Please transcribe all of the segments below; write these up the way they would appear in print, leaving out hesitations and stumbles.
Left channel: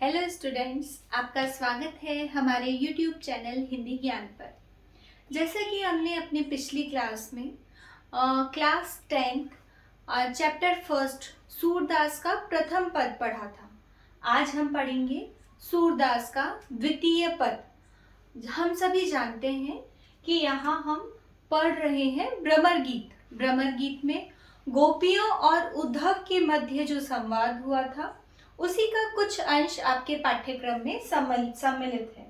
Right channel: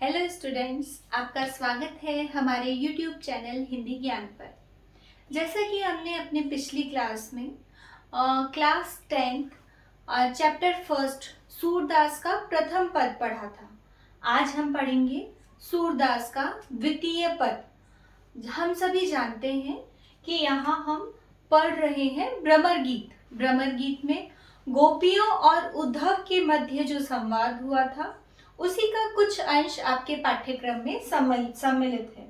Hello students, आपका स्वागत है हमारे यूट्यूब चैनल हिंदी ज्ञान पर। जैसा कि हमने अपने पिछली क्लास में क्लास 10 चैप्टर फर्स्ट सूरदास का प्रथम पद पढ़ा था। आज हम पढ़ेंगे सूरदास का द्वितीय पद। हम सभी जानते हैं कि यहाँ हम पढ़ रहे हैं भ्रमर गीत। भ्रमर गीत में गोपियों और उद्धव के मध्य जो संवाद हुआ था उसी का कुछ अंश आपके पाठ्यक्रम में सम्मिलित है।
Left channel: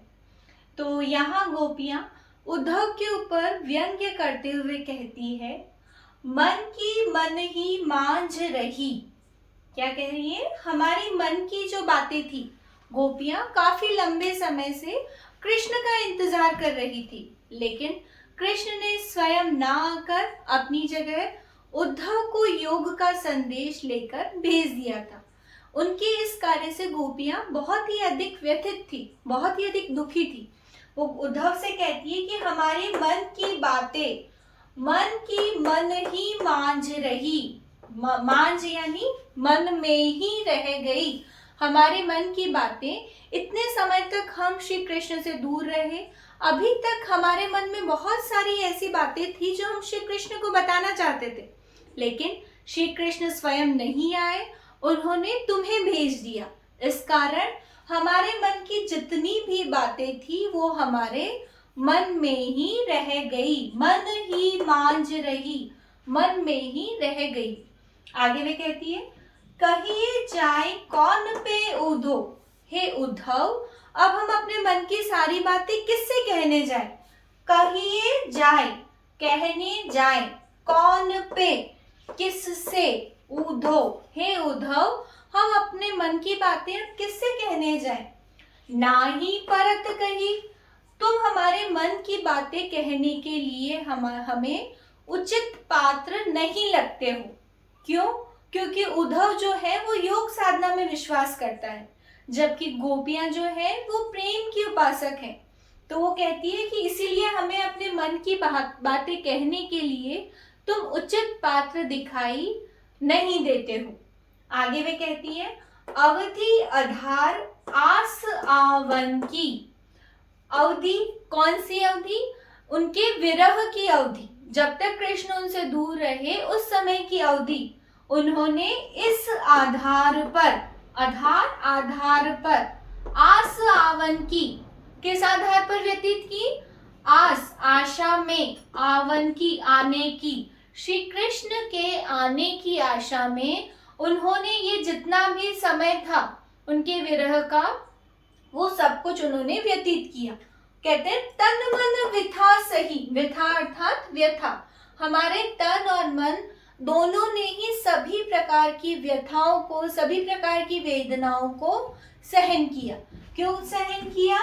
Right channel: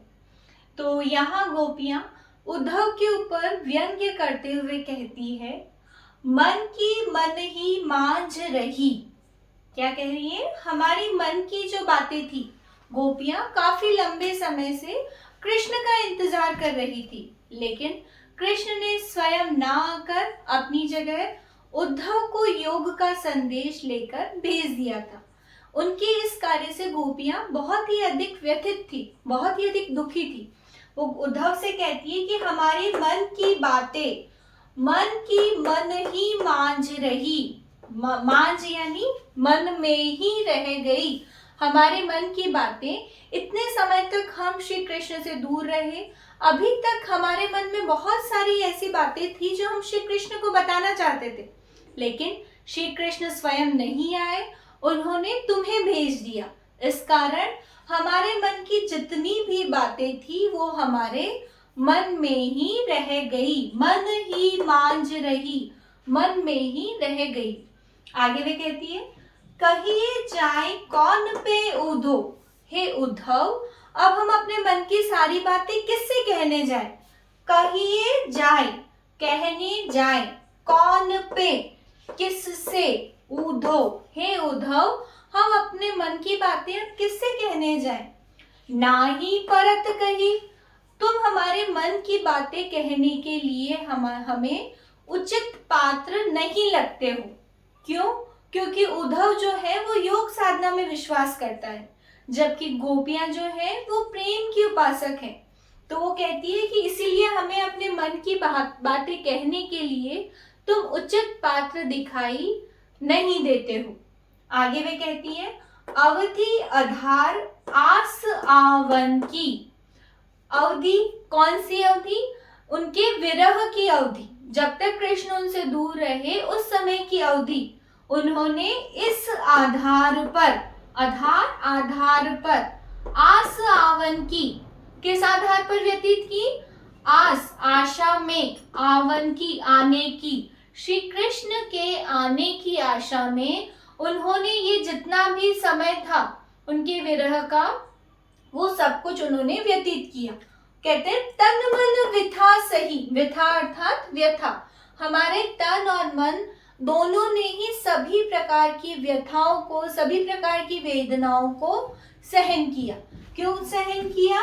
तो यहाँ गोपियां उद्धव के ऊपर व्यंग्य करते हुए कहती है, मन की मन ही मांझ रही। क्या कह रही है? हमारी मन की जो बातें थी, गोपियां काफी लंबे समय से कृष्ण का इंतजार कर रही थी, लेकिन कृष्ण ने स्वयं ना आकर अपनी जगह उद्धव को योग का संदेश लेकर भेज दिया था। उनके इस कार्य से गोपियां बहुत ही अधिक व्यथित थी, बहुत ही अधिक दुखी थी। वो उद्धव से कहती है कि हमारे मन की बातें मन की मन ही मांझ रही। मांझ यानी मन में ही रह गई। हमारे मन की बातें, इतने समय तक हम श्री कृष्ण से दूर रहे, अभी तक हमारे मन में बहुत सारी ऐसी बातें थी जो हम श्री कृष्ण को बताना चाहते थे, लेकिन श्री कृष्ण स्वयं नहीं आए, उन्होंने तुम्हें भेज दिया। इस कारण हमारे मन की जितनी भी बातें थी वो हमारे मन में ही रह गई। मन ही मांझ रही, मन में ही रह गई। आगे वे कहती है, कहिए जाए कौन पे उधो। हे उद्धव, अब हम अपने मन की सारी बातें किससे कहने जाए? कहिए जाए, कहने जाए, कौन पे, किससे, उद्धव। हे उद्धव, हम अपने मन की बातें किससे कहने जाएं? ना ही परत कही। तुम हमारे मन की बातें कहने के लिए हमें उचित पात्र नहीं लगते हो। क्यों? क्योंकि उद्धव जो है वो योग साधना में विश्वास करता है, जबकि गोपियां जो है वो प्रेम की उपासक है। तो वो कहती है कि इसीलिए हमें अपने मन की बातें कहने के लिए तुम उचित पात्र दिखाई नहीं देते हो। आगे वे कहती है, अवधि आधार आस आवन की। अवधि, कौन सी अवधि? उनके विरह की अवधि। जब तक कृष्ण उनसे दूर रहे उस समय की अवधि उन्होंने इस आधार पर, आधार पर, आस आवन की, किस आधार पर व्यतीत की? आस, आशा में, आवन की, आने की, श्री कृष्ण के आने की आशा में उन्होंने ये जितना भी समय था उनके विरह का, वो सब कुछ उन्होंने व्यतीत किया। कहते हैं तन मन विथा सही। विथा अर्थात व्यथा। हमारे तन और मन दोनों ने ही सभी प्रकार की व्यथाओं को, सभी प्रकार की वेदनाओं को सहन किया। क्यों सहन किया?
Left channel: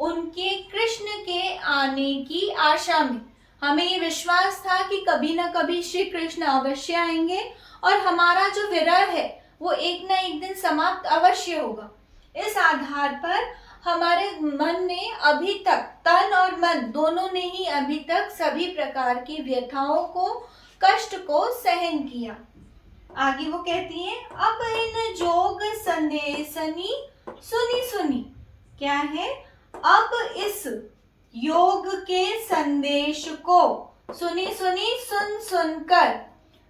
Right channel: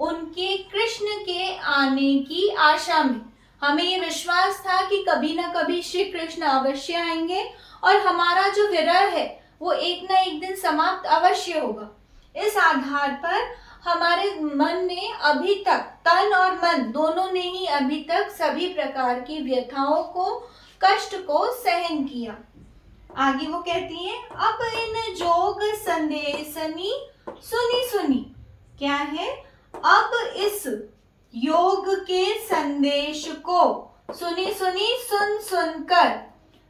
उनके कृष्ण के आने की आशा में। हमें ये विश्वास था कि कभी ना कभी श्री कृष्ण अवश्य आएंगे और हमारा जो विरह है वो एक ना एक दिन समाप्त अवश्य होगा। इस आधार पर हमारे मन ने अभी तक, तन और मन दोनों ने ही अभी तक सभी प्रकार की व्यथाओं को, कष्ट को सहन किया। आगे वो कहती है, अब इन जोग संदेशनी सुनी सुनी। क्या है? अब इस योग के संदेश को सुनी सुनी, सुन सुनकर,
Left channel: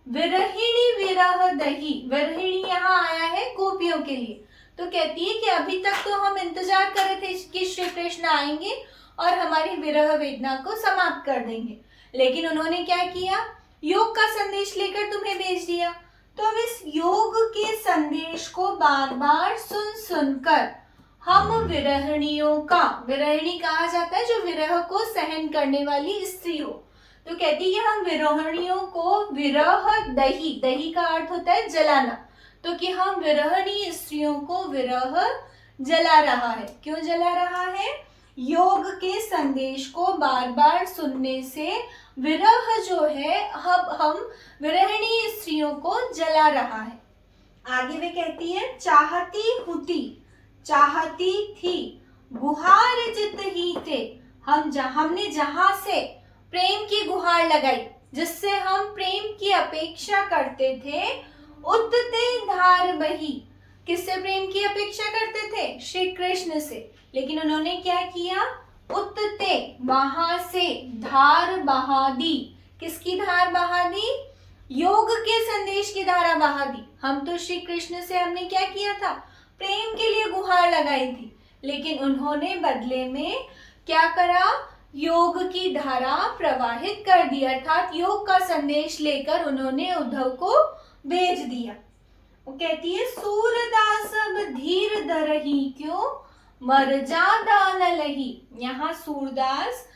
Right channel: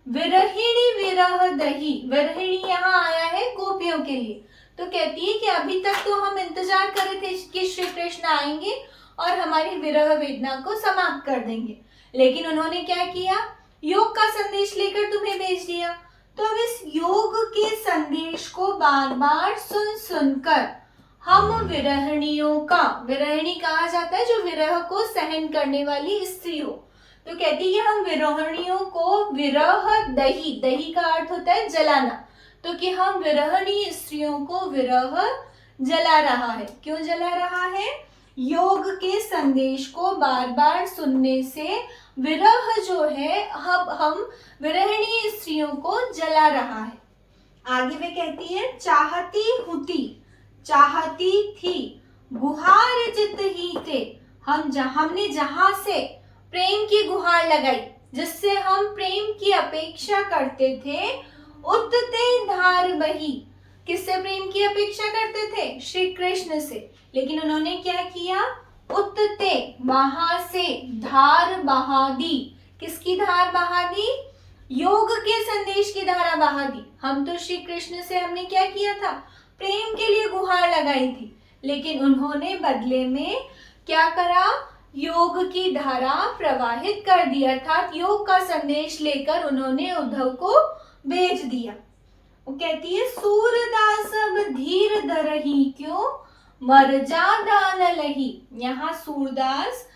विरहिणी विरह दही। विरहिणी यहाँ आया है गोपियों के लिए। तो कहती है कि अभी तक तो हम इंतजार कर रहे थे कि श्री कृष्ण आएंगे और हमारी विरह वेदना को समाप्त कर देंगे, लेकिन उन्होंने क्या किया? योग का संदेश लेकर तुम्हें भेज दिया। तो अब इस योग के संदेश को बार बार सुन सुनकर हम विरहिणियों का, विरहिणी कहा जाता है जो विरह को सहन करने वाली स्त्री हो, तो कहती है हम विरहिणियों को विरह दही, दही का अर्थ होता है जलाना, तो कि हम विरहिणी स्त्रियों को विरह जला रहा है। क्यों जला रहा है? योग के संदेश को बार बार सुनने से विरह जो है हम विरहिणी स्त्रियों को जला रहा है। आगे वे कहती है, चाहती हुती, चाहती थी, गुहार जित ही थे। हमने जहां से प्रेम की गुहार लगाई, जिससे हम प्रेम की अपेक्षा करते थे, उतते धार बही, किससे प्रेम की अपेक्षा करते थे? श्री कृष्ण से। लेकिन उन्होंने क्या किया? उत्ते, वहां से धार बहा दी। किसकी धार बहा दी? योग के संदेश की धारा बहा दी। हम तो श्री कृष्ण से हमने क्या किया था? प्रेम के लिए गुहार लगाई थी, लेकिन उन्होंने बदले में क्या करा? योग की धारा प्रवाहित कर दी, अर्थात योग का संदेश लेकर उन्होंने उद्धव को भेज दिया। वो कहती है सूरदास अब धीर धरहि क्यों, मर जा दान लही। यहाँ सूरदास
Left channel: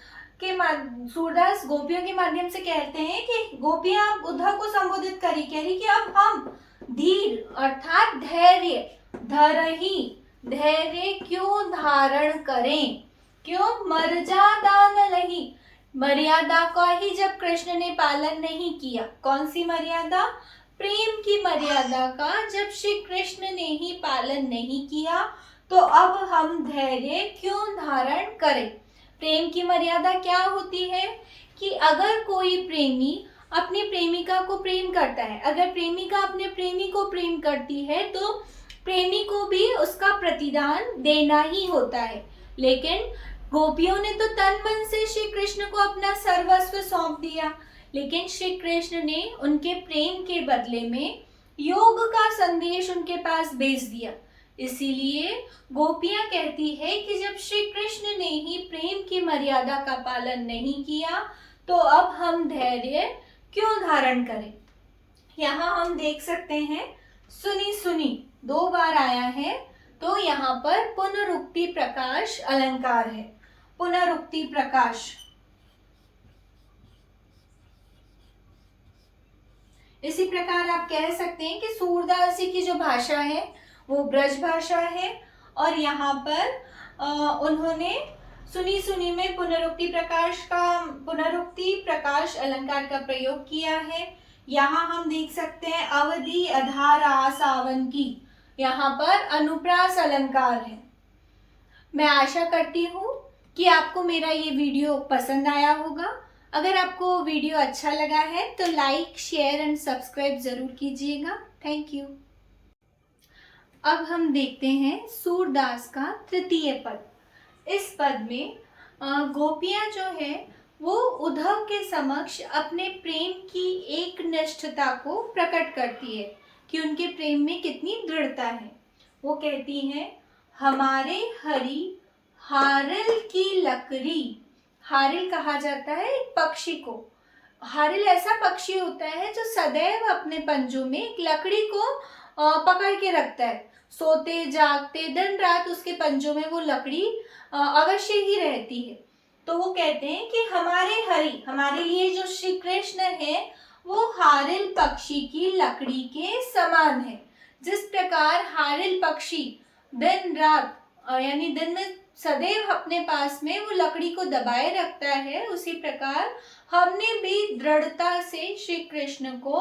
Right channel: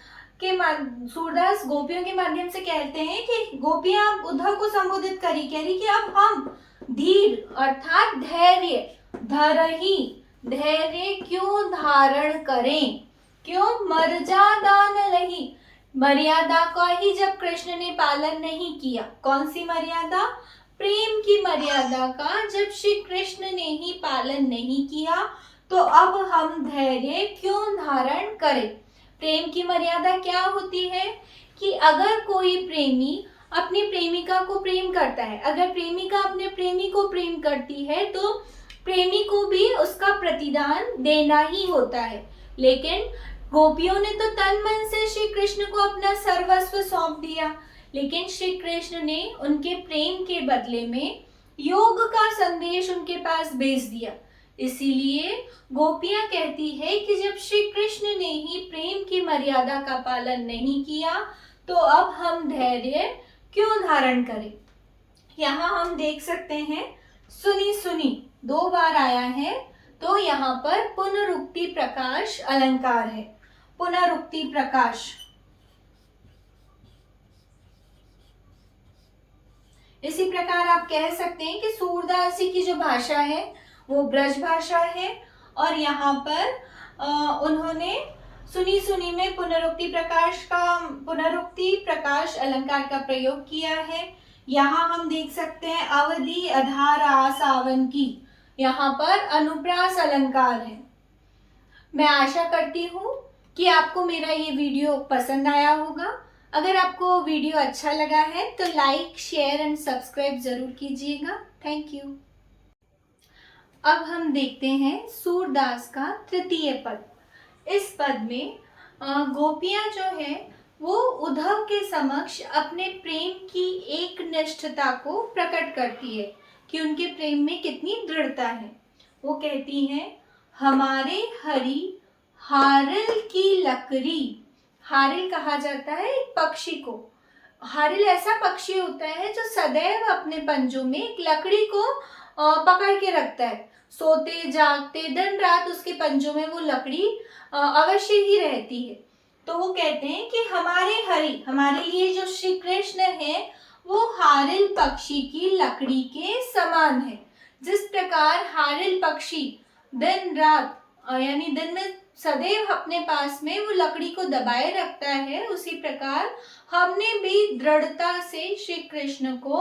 गोपियों के माध्यम से कहते हैं कि गोपियां उद्धव को संबोधित करी, कह रही कि अब हम धीर अर्थात धैर्य धरहि, धैर्य क्यों धारण करें, क्यों? मर जा दान लही। मर्यादा का ही जब कृष्ण ने पालन नहीं किया, कौन सी मर्यादा? प्रेम की मर्यादा का जब श्री कृष्ण ने ही पालन नहीं किया, तो अब हम धैर्य क्यों धारण करें? प्रेम की मर्यादा क्या होती है कि अगर कोई प्रेमी अपनी प्रेमिका को प्रेम करता है, अगर प्रेमिका अपने प्रेमी को प्रेम करती है, तो प्रेमी को भी उसका प्रतिदान देना ही होता है। लेकिन गोपियों ने तो तन मन से श्री कृष्ण को अपना सर्वस्व सौंप दिया, लेकिन श्री कृष्ण ने उनके प्रेम के बदले में योग का संदेश उनके पास भेज दिया। इसीलिए गोपियां कहती है कि जब श्री कृष्ण ने ही प्रेम की मर्यादा का पालन नहीं किया, तो अब हम धैर्य क्यों धारण करें? यहाँ हम देख सकते हैं सुनी सुनी 2 बार आया है, तो यहाँ पर पुनरुक्ति प्रकाश अलंकार है। पुनरुक्ति प्रकाश, इसी प्रकार आप कह सकते हैं कि सूरदास जी की जो भाषा है वो ब्रज भाषा है, और यहाँ पर उन्होंने सुनी सुनी में पुनरुक्ति प्रकाश अलंकार का प्रयोग किया है। यहाँ हम देख सकते हैं अवधि अधारा सावन की, यहाँ पर अनुप्रास अलंकार है। मैं आशा करती हूँ कि आपको मेरा ये वीडियो पसंद आया होगा। अगर आपको वीडियो अच्छा लगा है तो लाइक, शेयर एंड सब्सक्राइब जरूर कीजिएगा। Thank you. अब हम देखते हैं सूरदास का तृतीय पद। इस पद में गोपियां जो है वो उद्धव के समक्ष अपने प्रेम की एक निष्ठता को प्रकट करती है कि उनके प्रेम में कितनी दृढ़ता है। वो कहती हैं, हमारे हरि हारिल की लकड़ी। हारिल कहा जाता है एक पक्षी को। हारिल ऐसा पक्षी होता है जो सदैव अपने पंजों में एक लकड़ी को पकड़ के रखता है। सोते जागते दिन रात उसके पंजों में वो लकड़ी अवश्य ही रहती है। तो वो कहते हैं कि हमारे हरि, हमारे लिए जो श्री कृष्ण है, वो हारिल पक्षी की लकड़ी के समान है। जिस प्रकार हारिल पक्षी दिन रात यानी दिन में सदैव अपने पास में वो लकड़ी को दबाए रखता है, उसी प्रकार हमने भी दृढ़ता से श्री कृष्ण को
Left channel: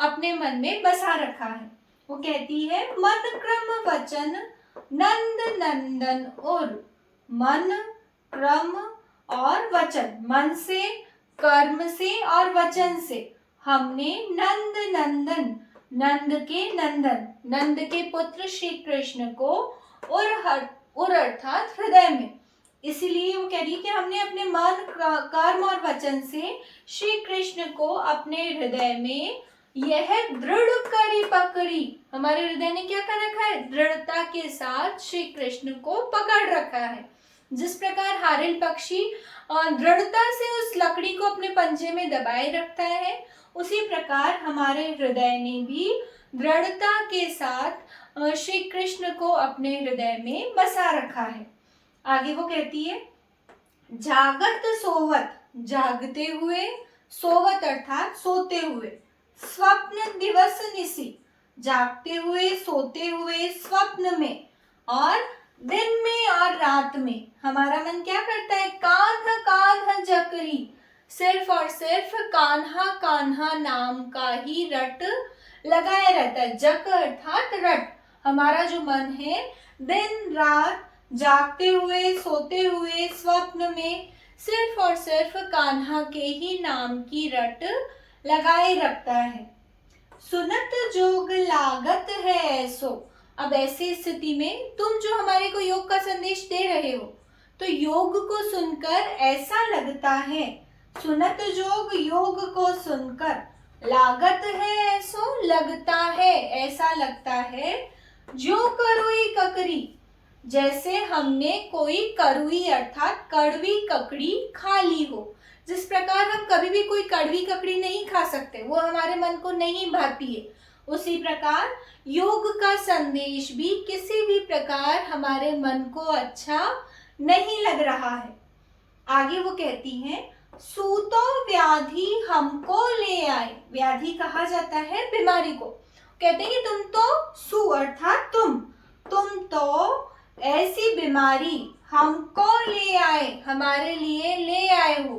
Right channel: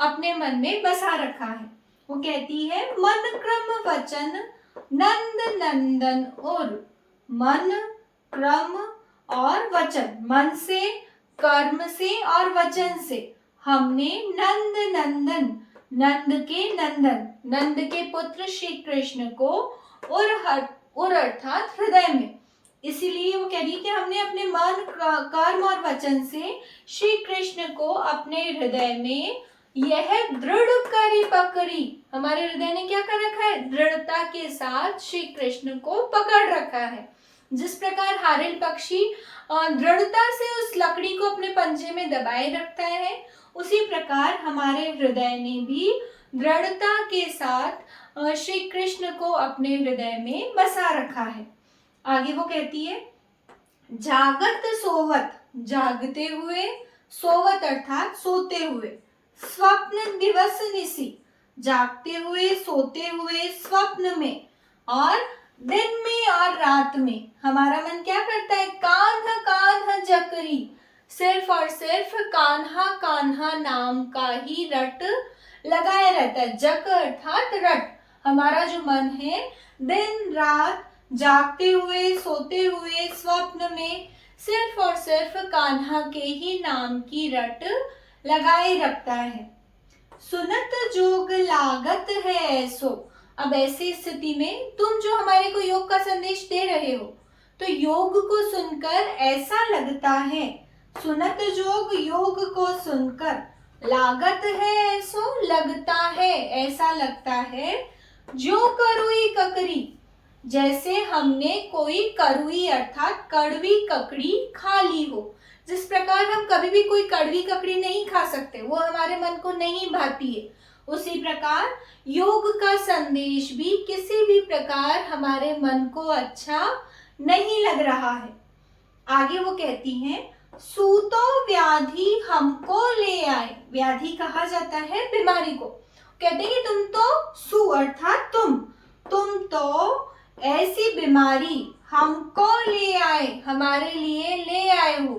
अपने मन में बसा रखा है। वो कहती है, मन क्रम वचन नंद नंदन और मन क्रम और वचन, मन से, कर्म से और वचन से हमने नंद नंदन, नंद के नंदन, नंद के पुत्र श्री कृष्ण को और अर्थात हृदय में। इसीलिए वो कह रही है कि हमने अपने मन, कर्म और वचन से श्री कृष्ण को अपने हृदय में यह दृढ़ करी पकड़ी। हमारे हृदय ने क्या कर रखा है? दृढ़ता के साथ श्री कृष्ण को पकड़ रखा है। जिस प्रकार हारिल पक्षी दृढ़ता से उस लकड़ी को अपने पंजे में दबाए रखता है, उसी प्रकार हमारे हृदय ने भी दृढ़ता के साथ श्री कृष्ण को अपने हृदय में बसा रखा है। आगे वो कहती है, जागत सोवत, जागते हुए, सोवत अर्थात सोते हुए, स्वप्न दिवस निसी, जागते हुए, सोते हुए, स्वप्न में और दिन में और रात में हमारा मन क्या करता है? कान्हा कान्हा जकरी, सिर्फ और सिर्फ कान्हा कान्हा नाम का ही रट लगाए रहता है। जक अर्थात रट। हमारा जो मन है दिन रात जागते हुए, सोते हुए, स्वप्न में सिर्फ और सिर्फ कान्हा के ही नाम की रट लगाए रखता है। सुनत जोग लागत है ऐसो, अब ऐसी स्थिति में तुम जो हमारे को योग का संदेश दे रहे हो, तो योग को सुनकर ऐसा लगता है, सुनत जोग योग को सुनकर, लागत है ऐसो लगता है, ऐसा लगता है, जो करुई ककरी, जैसे हमने कोई करुई अर्थात कड़वी ककड़ी खा ली हो। जिस प्रकार हम कभी भी कोई कड़वी ककड़ी नहीं खा सकते, वो हमारे मन को नहीं भाती है, उसी प्रकार योग का संदेश भी किसी भी प्रकार हमारे मन को अच्छा नहीं लग रहा है। आगे वो कहती हैं, सूतो व्याधि हमको ले आए। व्याधि कहा जाता है बीमारी को। कहते हैं कि तुम तो सु अर्थात तुम तो ऐसी बीमारी हमको ले आए, हमारे लिए ले आए हो,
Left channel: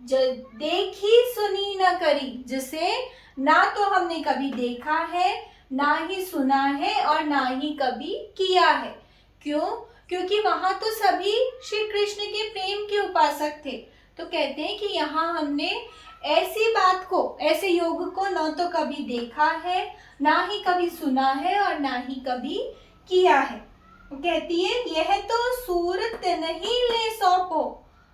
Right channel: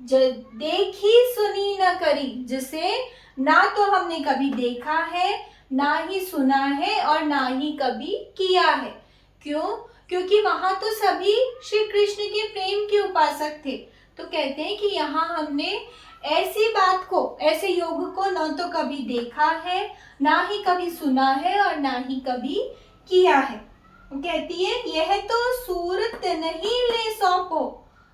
देखी सुनी न करी, जिसे ना तो हमने कभी देखा है, ना ही सुना है और ना ही कभी किया है। क्यों? क्योंकि वहां तो सभी श्री कृष्ण के प्रेम के उपासक थे। तो कहते हैं कि यहाँ हमने ऐसी बात को, ऐसे योग को न तो कभी देखा है, ना ही कभी सुना है और ना ही कभी किया है। कहती है, यह तो सूरत नहीं ले सौंपो।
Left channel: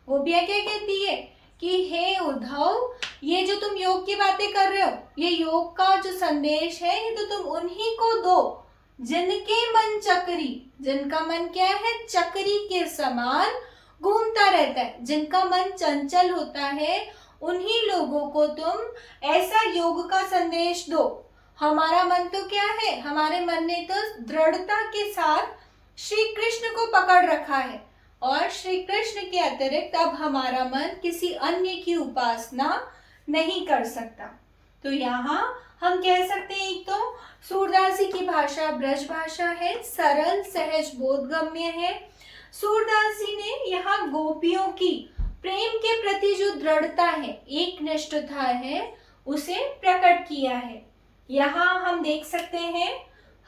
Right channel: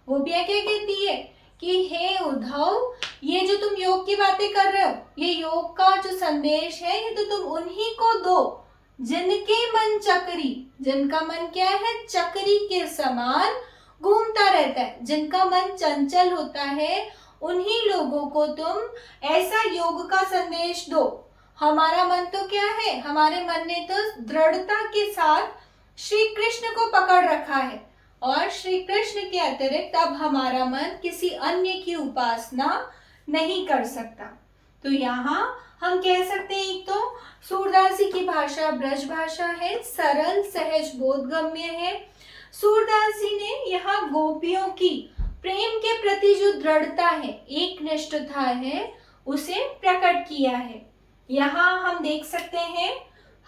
वो भी क्या कहती है कि हे उद्धव, ये जो तुम योग की बातें कर रहे हो, ये योग का जो संदेश है, ये तो तुम उन्हीं को दो जिनके मन चक्री, जिनका मन क्या है, चक्री के समान घूमता रहता है, जिनका मन चंचल होता है, उन्हीं लोगों को तुम ऐसा योग का संदेश दो। हमारा मन तो क्या है, हमारे मन ने तो दृढ़ता के साथ श्री कृष्ण को पकड़ रखा है और श्री कृष्ण के अतिरिक्त अब हमारा मन किसी अन्य की उपासना नहीं कर सकता। तो यहाँ हम कह सकते हैं, एक तो सूरदास जी की भाषा ब्रज भाषा है, सरल सहज बोधगम्य है। सूरदास जी ने यहाँ गोपियों की प्रेम के प्रति जो दृढ़ता है, एक निष्ठता है, उसे प्रकट किया है। यहाँ हम देख सकते हैं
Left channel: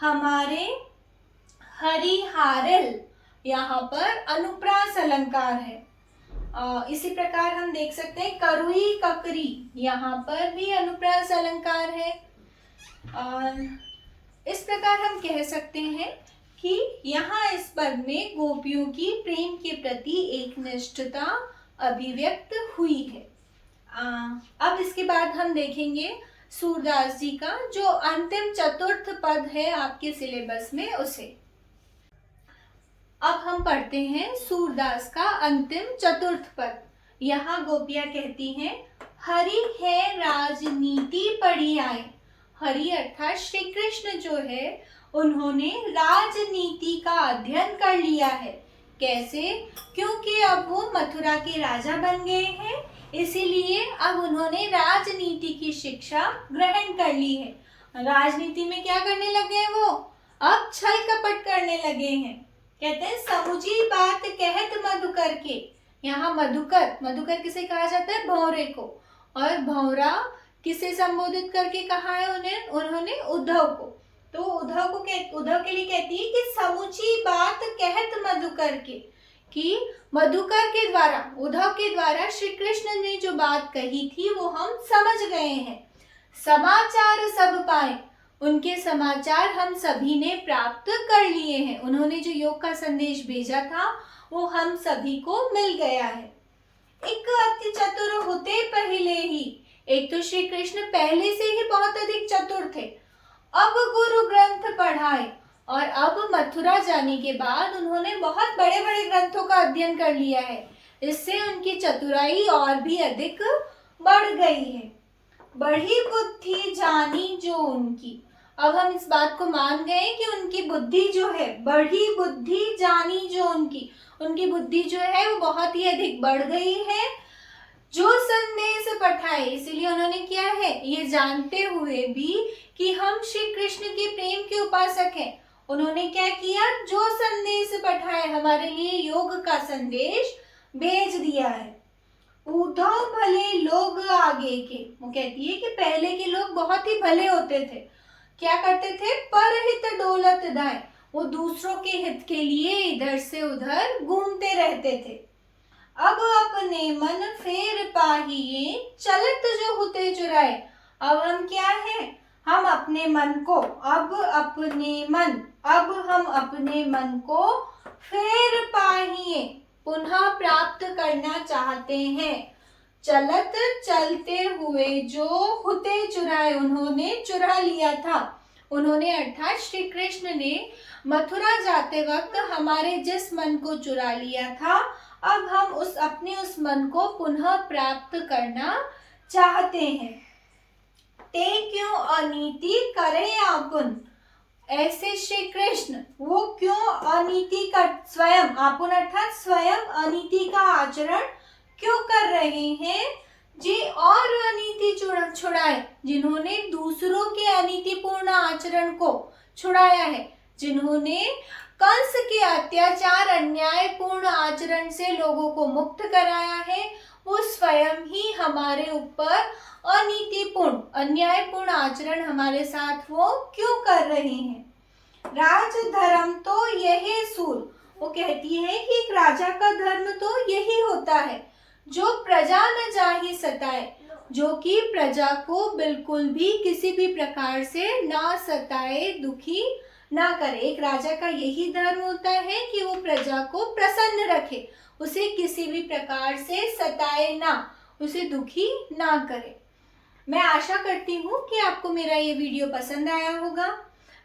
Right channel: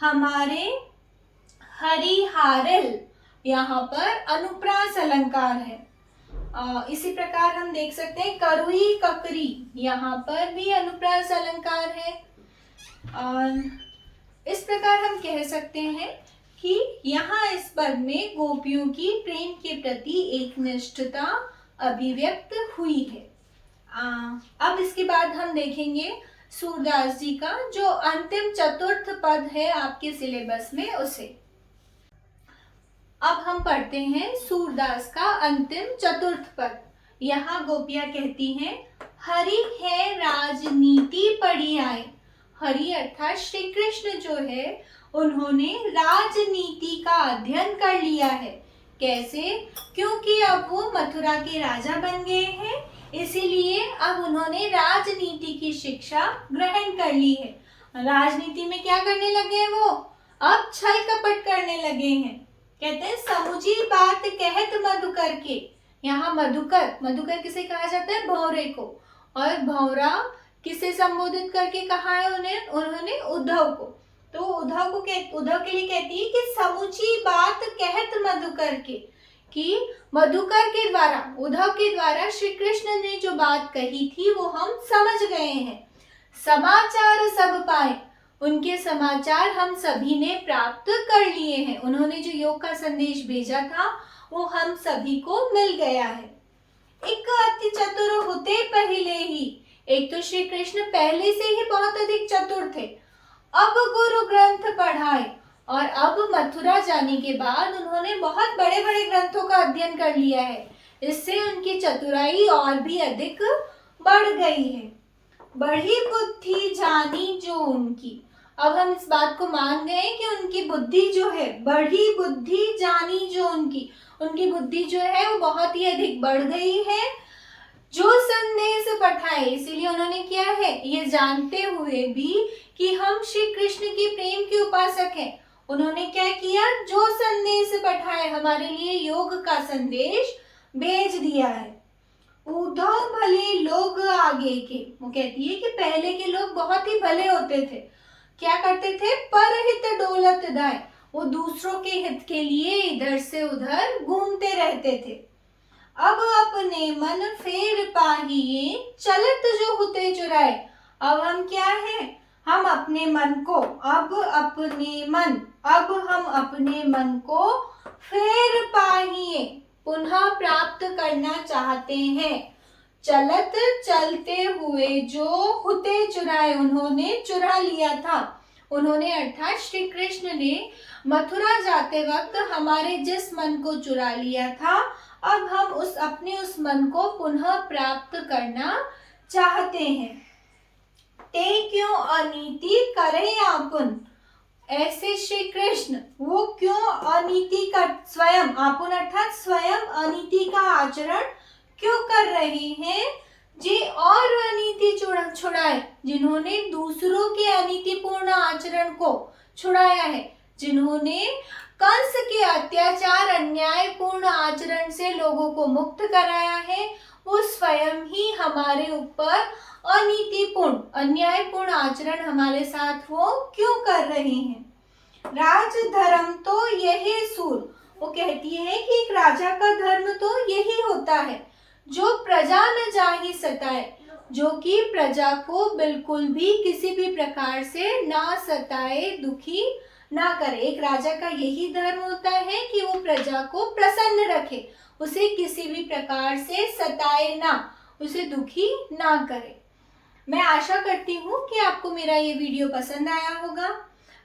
हमारे हरिहारल, यहाँ पर अनुप्रास अलंकार है। इसी प्रकार हम देख सकते हैं करुई ककरी, यहाँ पर भी अनुप्रास अलंकार है। इस प्रकार हम कह सकते हैं कि यहाँ इस पद में गोपियों की प्रेम के प्रति एक निष्ठता अभिव्यक्त हुई है। अब इसके बाद हम देखेंगे सूरदास जी का जो अंतिम चतुर्थ पद है आपके सिलेबस में, उसे। अब हम पढ़ते हैं सूरदास का अंतिम चतुर्थ पद। यहाँ गोपियां कहती हैं, हरि है राजनीति पढ़ी आए। हरि अर्थात श्री कृष्ण जो है, उन्होंने राजनीति का अध्ययन कर लिया है। कैसे? क्योंकि अब वो मथुरा के राजा बन गए हैं, इसीलिए अब उन्होंने राजनीति की शिक्षा ग्रहण कर ली है। राजनीति में क्या करने लगे हैं वो? अब छल कपट करने लगे हैं। कहते हैं समुझी बात कहत मधुकर के। यहाँ मधुकर, मधुकर किसे कहा जाता है? भौरे को। और भौरा किसे संबोधित करके कहा है उन्होंने उद्धव को। तो उद्धव के लिए कहती है कि समुची बात कहत मधुकर के, कि मधुकर के द्वारा, उद्धव के द्वारा श्री कृष्ण ने जो बात कही थी वो हम समझ गए हैं। समाचार सब पाए, उनके समाचार हम सभी ने प्राप्त कर लिए हैं। उन्होंने जो योग का संदेश भेजा था वो हम सभी को मिल गया है। एक अति चतुर होते पहले ही, एक तो श्री कृष्ण पहले से ही बहुत अधिक चतुर थे, अब गुरु ग्रंथ पढ़ाए, और अब मथुरा जाने के बाद उन्होंने बहुत बड़े बड़े ग्रंथों का अध्ययन कर लिया है। इससे उनकी चतुराई और भी अधिक बढ़ गई है। बढ़ी बुद्धि जानी जो उनकी, अब हम इस बात को मान गए कि उनकी बुद्धि जो है, बढ़ी बुद्धि जानी जो उनकी बुद्धि जो है वो बहुत ही अधिक बढ़ गई है। जो संदेश पठाए, इसलिए उन्होंने क्या है, ये जानते हुए भी कि हम श्री कृष्ण के प्रेम के उपासक हैं, उन्होंने क्या किया, जो संदेश पठाए, हमारे लिए योग का संदेश भेज दिया है। उद्धव भले लोग आगे के, वो कहती है कि पहले के लोग बहुत ही भले होते थे। क्या करते थे? परहित डोलत दाए, वो दूसरों के हित के लिए इधर से उधर घूमते रहते थे। अब अपने मन फेर पाहिए, चलत जो होते चुराए। अब हम क्या है, हम अपने मन को अब हम अपने मन को फिर पाहिए पुनः प्राप्त करना चाहते हैं। चलत चलते हुए जो हुते चुराए, उन्होंने चुरा लिया था। उन्होंने अर्थात श्री कृष्ण ने मथुरा जाते वक्त हमारे जिस मन को चुरा लिया था, अब हम उस मन को पुनः प्राप्त करना चाहते हैं। ते क्यों अनीति करे आपुन, ऐसे श्री कृष्ण वो क्यों अनीति का स्वयं, आपुन अर्थात स्वयं अनीति का आचरण क्यों कर रहे हैं। जी और अनीति छुड़ाए, जिन्होंने दूसरों के अनीतिपूर्ण आचरण को छुड़ाया है, जिन्होंने कंस के अत्याचार अन्यायपूर्ण आचरण से लोगों को मुक्त कराया है, वो स्वयं ही हमारे ऊपर अनीतिपूर्ण अन्यायपूर्ण आचरण हमारे साथ वो क्यों कर रहे हैं। राज धर्म तो यही सूर, वो कहती है कि एक राजा का धर्म तो यही होता है, जो प्रजा न जाहि सताए, जो कि प्रजा को बिल्कुल भी किसी भी प्रकार से ना सताए, दुखी ना करे। एक राजा का यही धर्म होता है कि वो प्रजा को प्रसन्न रखे, उसे किसी भी प्रकार से सताए ना, उसे दुखी ना करे। मैं आशा करती हूँ कि आपको मेरा ये वीडियो पसंद आया होगा।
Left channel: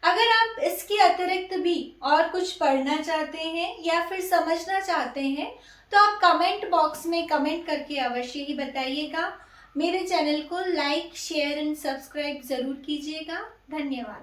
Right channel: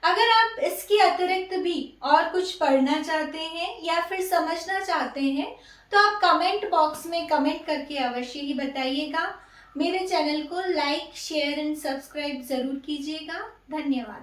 अगर आप इसके अतिरिक्त भी और कुछ पढ़ना चाहते हैं या फिर समझना चाहते हैं तो आप कमेंट बॉक्स में कमेंट करके अवश्य ही बताइएगा। मेरे चैनल को लाइक, शेयर एंड सब्सक्राइब ज़रूर कीजिएगा। धन्यवाद।